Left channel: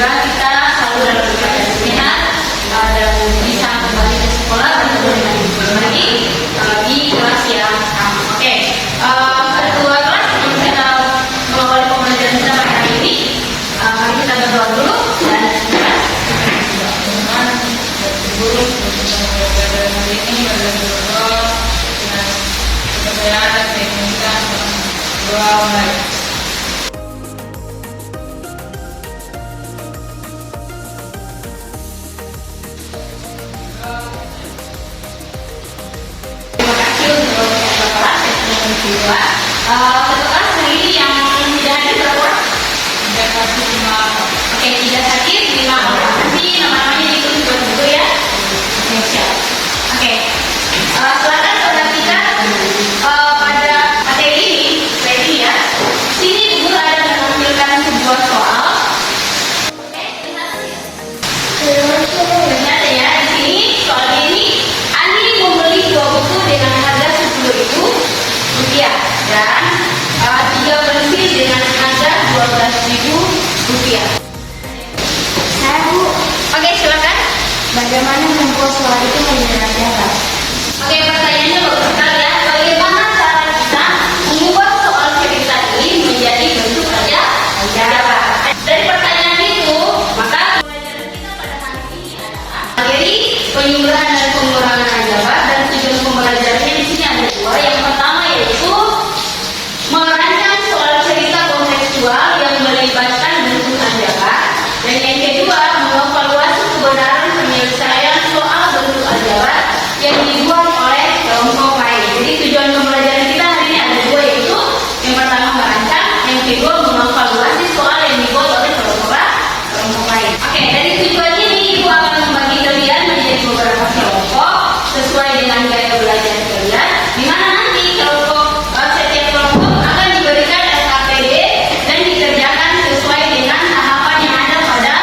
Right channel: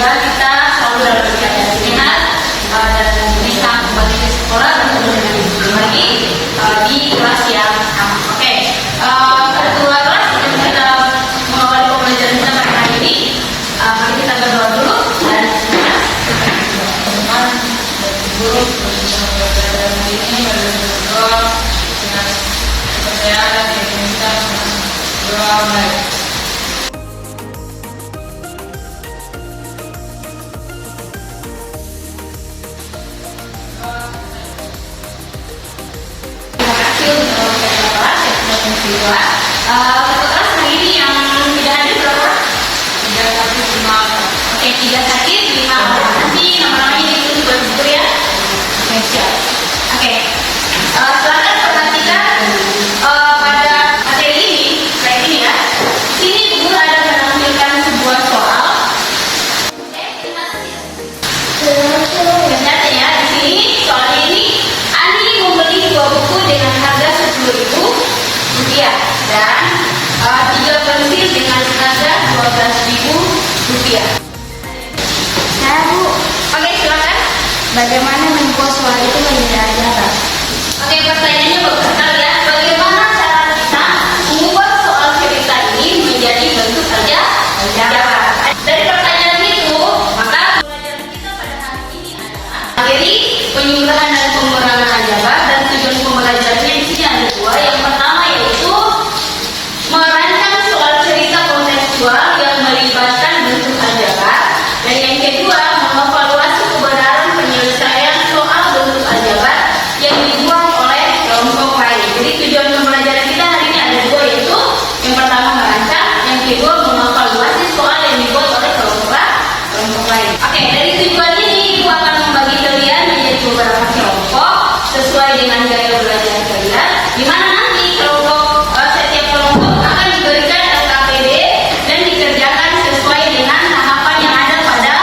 semoga kita selalu dalam keadaan sehat dan bisa kembali ke sekolah bertemu dengan ibu lagi di kelas yang sama. Oke, kedua kelas kita mengawali pembelajaran kita pada hari ini. Mari kita berdoa dulu dan semoga teman-teman guru pembelajaran hari ini berdoa dengan kepercayaan dan kita berdoa mulai. Kebetulan hari ini yang tidak hadir berapa orang? 3 hadir 5 orang. Oke, 3 hadir 5 orang. Nanti nama-namanya diikuti betul ya. Siap. Oke. Silakan perhatikan pada materi ini ya. Sini guru ada menampilkan sebuah soal. Oke, ternyata ya di sini soal ini Ani membeli 2 buku dengan harga Rp10.000 dan 3 pensil dengan harga Rp12.000. Saya Bu, Oke, silakan. bagaimana membuat soal itu menjadi nyata? Oke, pertanyaannya bagus sekali ya. Bagaimana cara kita membuat soal cerita ini menjadi bentuk ajaran? Dari pertanyaan itu, maka pelajaran kita pada hari ini adalah materi penyuluhan dan pengurangan aljabar, dan tujuan pembelajarannya di sini ada 2. Yang pertama yaitu merancang soal cerita kontekstual yang melibatkan bentuk aljabar, dan yang kedua mengevaluasi kebenaran penyelesaian soal bentuk aljabar yang dibuat oleh kelompok lain. Jadi tujuan pembelajaran kita hari ini ada 2, yaitu yang pertama merancang, yang kedua mengevaluasi soal yang dibuat oleh kelompok lain. Oke, dari tujuan ini Ibu akan membagi kalian menjadi beberapa kelompok sesuai dengan gaya belajar kalian, di mana nanti setiap kelompok akan diberikan LKPD dan dikerjakan sesuai dengan tahapan yang ada pada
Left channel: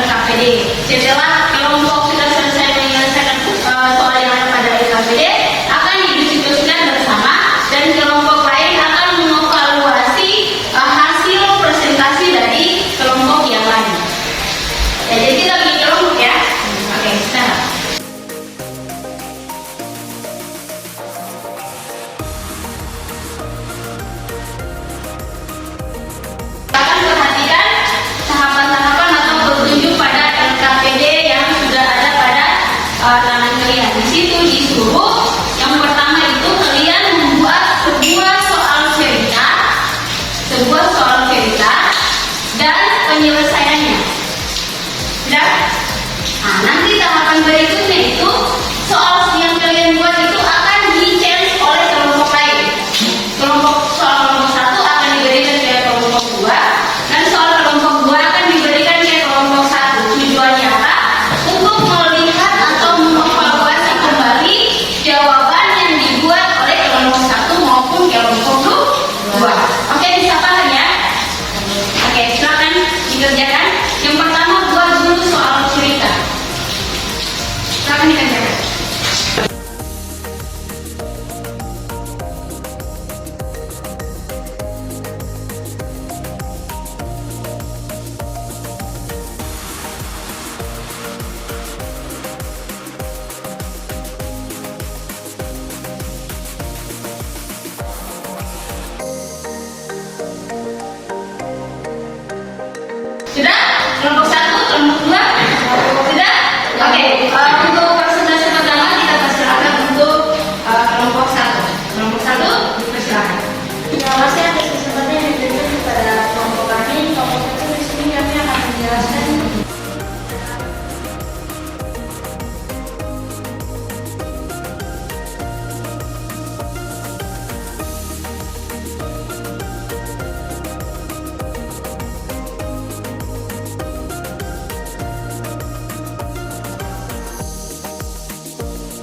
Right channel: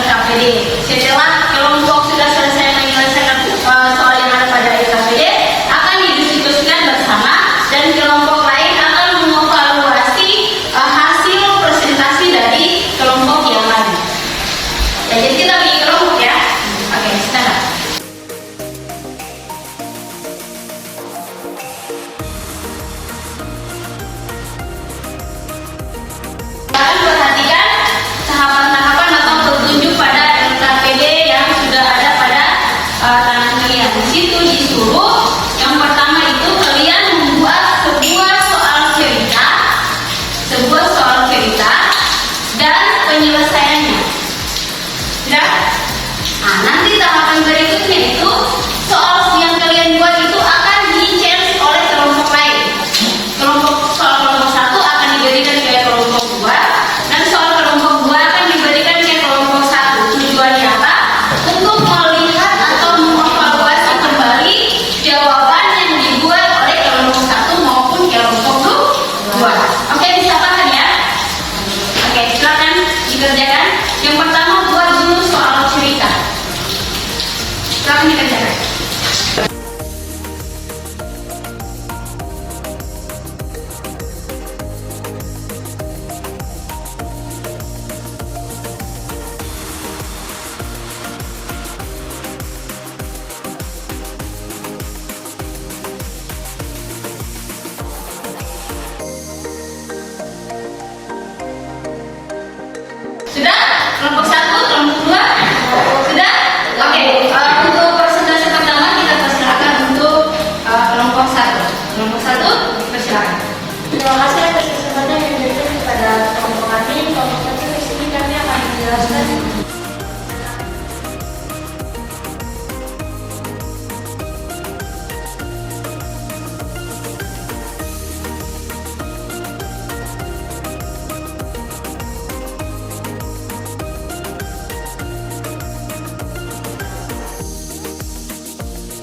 LKPD. Setelah kelompok sudah selesai menyelesaikan soal yang ada pada LKPD, akan didiskusikan bersama dan kelompok lain akan mengevaluasi hasil presentasi dari kelompok yang lain. Ya, jadi kita bagi kelompok ya. Oke, sekarang. Perhatikan tahapan-tahapan atau petunjuk pada LKPD yang sudah ada pada tangan kalian. Di situ disuruh yang pertama itu kalian membuat sebuah soal cerita dan penyelesaiannya. Sudah? Nah, nanti tahapan berikutnya itu soal yang kalian buat itu akan di-share oleh kelompok lain. Soal kelompok 1 akan diberikan ke kelompok 2, dan soal kelompok 2 akan diberikan ke kelompok 1. Tujuannya apa? Untuk melihat atau mengevaluasi kembali jawaban yang dibuat oleh kelompok 1 maupun kelompok 2. Oke, bisa paham ya? Oke, silakan dikerjakan. Yang pertama buat dulu soal cerita. Silakan dikerjakan. Sudah? Kelompok 1, kelompok 2? Sudah? Oke, untuk presentasi pertama kita persilakan untuk kelompok 1. Kelompok 1 dipersilakan. Terima kasih atas kesempatan yang diberikan kepada kelompok kami. Kelompok 1 di sini kami akan menjelaskan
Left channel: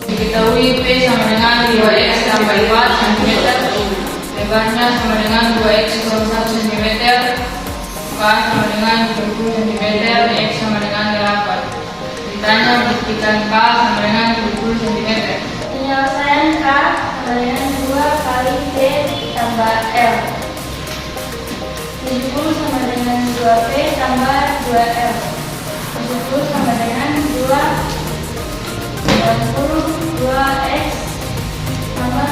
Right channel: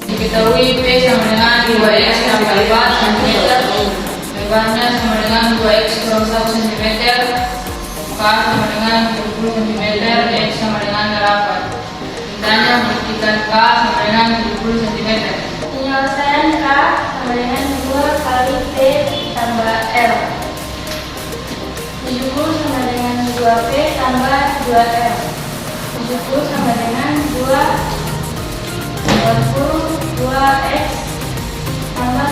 Diketahui P sama dengan 2X tambah 5 cm, lebarnya sama dengan 2X kurang 1 cm, K sama dengan 70 cm, X sama dengan 8. Ditanya buktikan K sama dengan 70 cm. penyelesaian K sama dengan 2 kali P tambah L. 70 sama dengan 2P tambah 2L. 70 sama dengan 2x tambah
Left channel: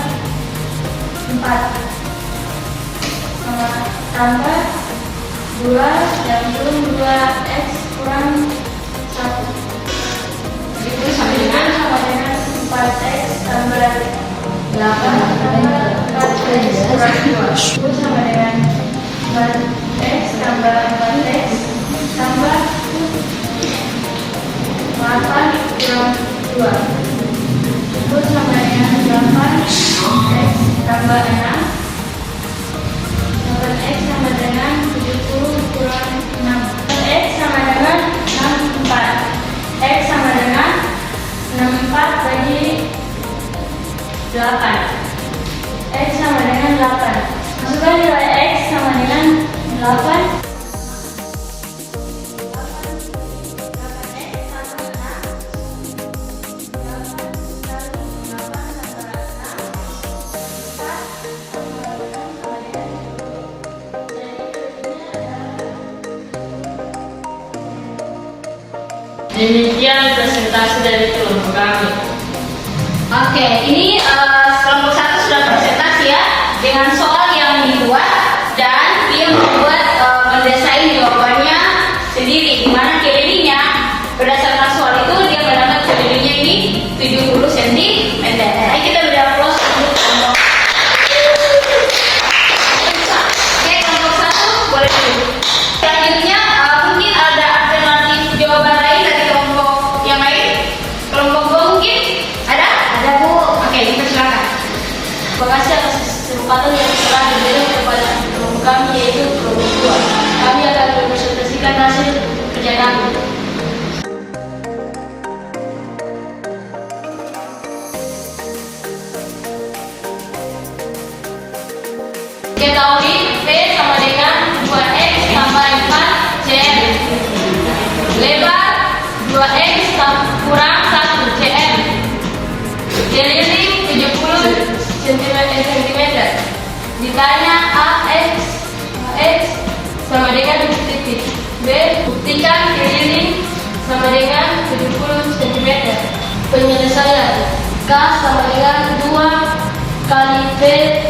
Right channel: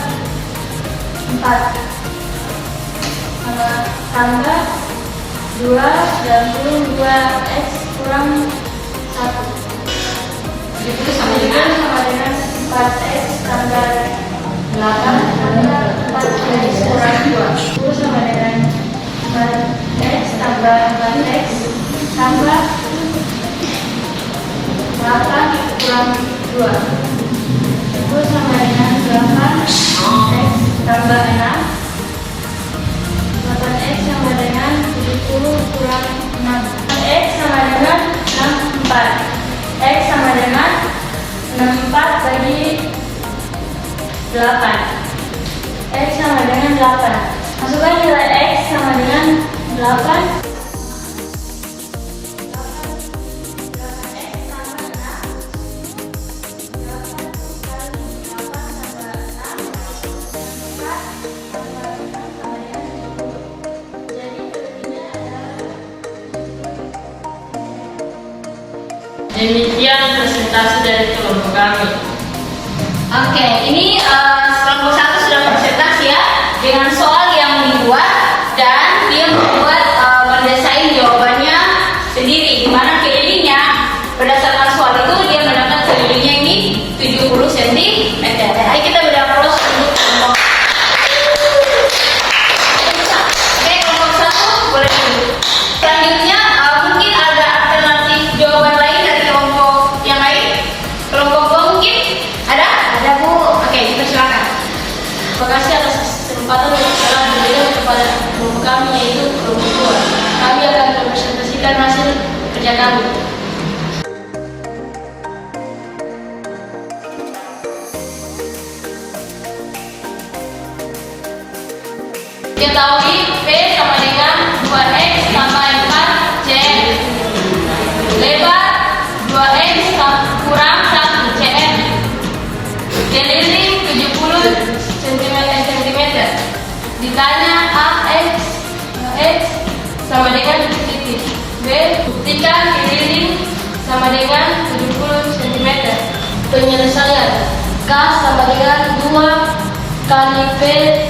4 tambah 2x kurang 1 Itu sama dengan 4x tambah 8 tambah 4x kurang 2 itu sama dengan 4x tambah 4x tambah 8 kurang 2 itu sama dengan 8x tambah 6 8x sama dengan 70 kurang 6 x sama dengan 64 x sama dengan 64 bagi 8 x sama dengan 8 masukkan nilai x sama dengan 8 Demikian presentasi dari kelompok kami. Oke, ini kelompok 1 sudah presentasi ya dengan soal yang dibuat dan dia membuat mendesain jawabannya sendiri. Di mana kelilingnya berdasarkan soal itu dia mendapatkan kelilingnya ini 70 cm. Baik, kita beri aplaus untuk kelompok. Oke, kelompok 1 boleh duduk. Selanjutnya mungkin ada alternatif jawaban lain dari kelompok yang lain. Kelompok 2 mungkin ada? Ada, Bu. Oke, silakan. Terima kasih atas kesempatan yang telah diberikan kepada kelompok kami yaitu kelompok 2. Kami akan mempresentasikan hasil kerja kami. Ketahui P sama dengan 2x tambah 4 cm. Lebar 2x kurang 1 cm. Keliling 70 cm. Ditanya AX sama dengan titik. B, buktikan keliling sama dengan 70 cm. Penyelesaian K sama dengan 2 kali P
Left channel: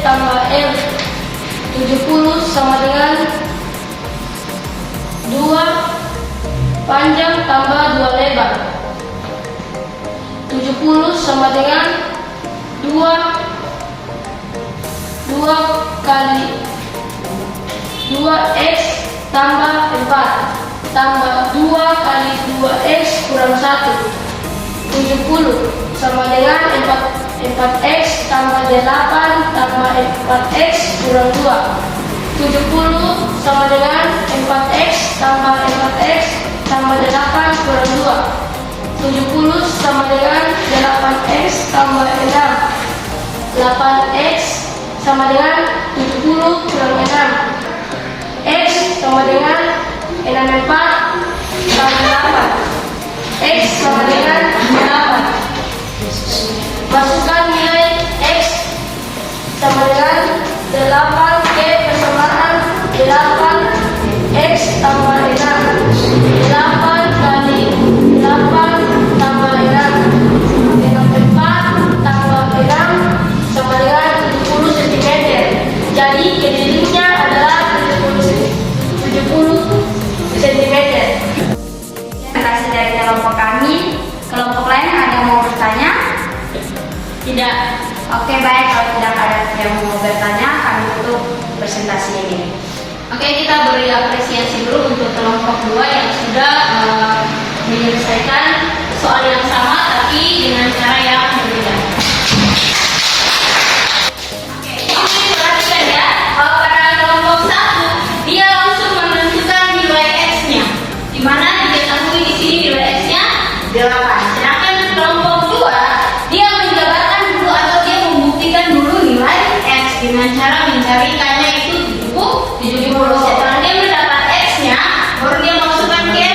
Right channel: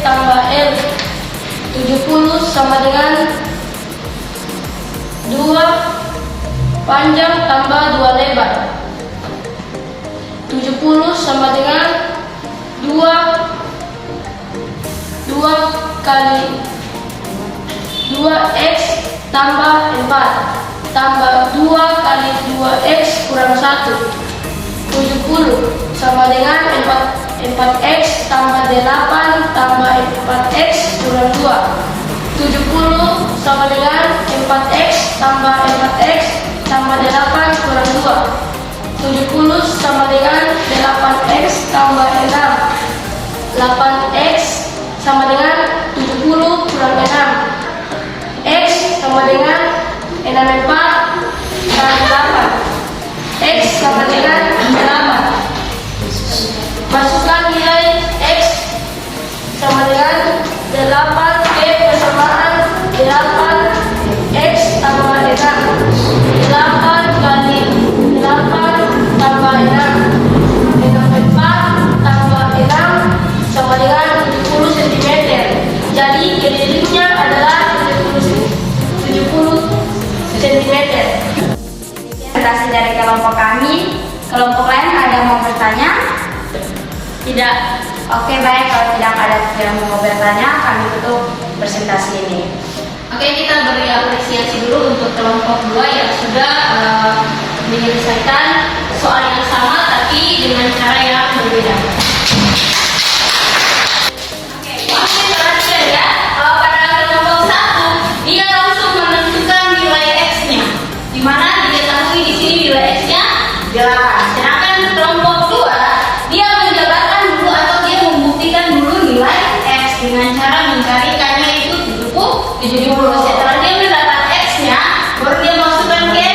tambah L 70 sama dengan 2 panjang tambah 2 lebar 70 sama dengan 2 kali 2x tambah 4 tambah 2 kali 2x kurang 1 70 sama dengan 4x tambah 8 tambah 4x kurang 2 70 sama dengan 4x tambah 4x tambah 8 kurang 2 70 sama dengan 8x tambah 6 8x sama dengan 70 kurang 6 x sama dengan 64 kali 8 x sama dengan 8 masukkan nilai x sama dengan 8 P persamaan 8 x tambah 6 8 kali 8 tambah 6 64 tambah 6 sama dengan 70 cm. Jadi kelilingnya adalah 70 cm. Presentasi dari kelompok kami. Kelompok lain ada yang mau bertanya? Tidak. Oke, baik. Kalau tidak ada yang mau bertanya, kami tutup presentasi ini. Oke, kita beri apresiasi dulu untuk kelompok 2 yang sudah menyelesaikan soal yang sama tapi dengan cara yang berbeda. Oke, ini perhatikan ya. Pada kelompok 1 dia langsung menentukan nilai x-nya, di mana diketahui di sini nilai x-nya 8. Sedangkan kelompok 2 dia menjabarkan dulu atau dia membuktikan dulu nilai x dengan cara mencari k-nya itu 70. Setelah dia mendapat x-nya, baru dia masukkan ke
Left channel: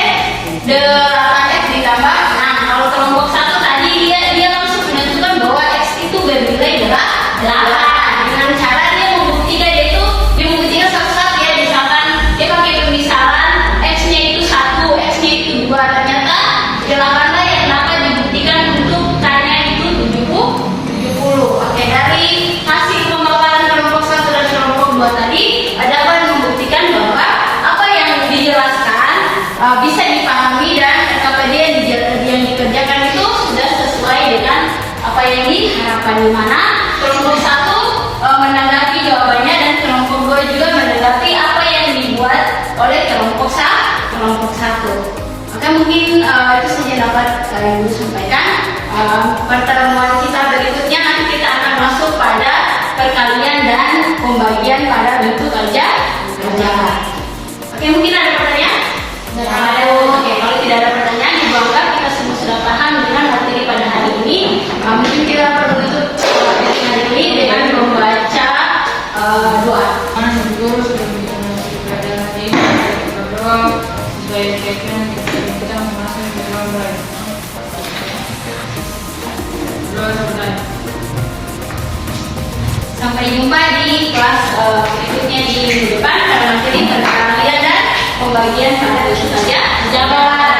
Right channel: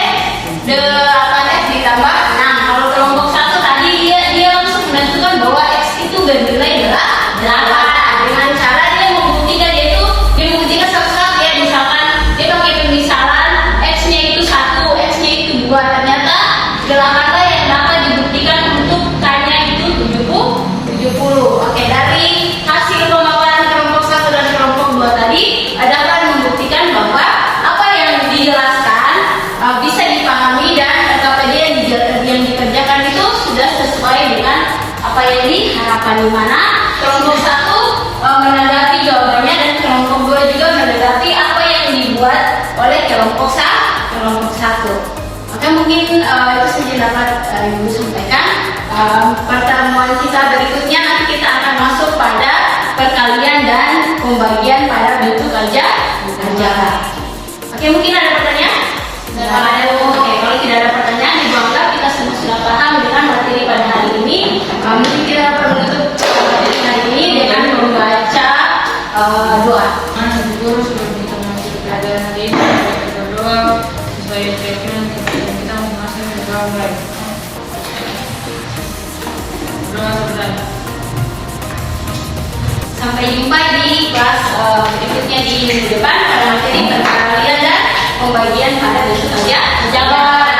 8x ditambah 6. Kalau kelompok 1 tadi dia langsung menentukan bahwa x itu bernilai 8. Dengan cara dia membuktikan satu-satu ya, misalkan dia pakai pemisalan x-nya itu 1, x-nya itu 2. kami dan KKPD yang dikerjakan itu sudah sesuai dengan apa yang diharapkan, di mana kelompok 1 menanggapi jawabannya dan kelompok 2 juga menanggapi apa yang dibuat oleh kelompok 1. Maka mungkin itu saja dapat Ibu sampaikan. Pertemuan kita berikutnya nanti kita akan masuk pada perkalian dan pembagian pada bentuk aljabar. Oke, mungkin ada pertanyaan? Oke, kalau tidak ada pertanyaan, dianggap kita semua sudah paham dengan materi pada hari ini. Mungkin kita perlu menutup materi hari ini dengan membaca doa. Mana Ibu Guru sudah memberikan materi pelajaran hari ini, kita berdoa supaya keyakinan kita masing-masing berdoa baik. Berdoa saudara. Sampai jumpa di kelas berikutnya di minggu depan pada materi perkalian dan pembagian pada besok saja. Jabat.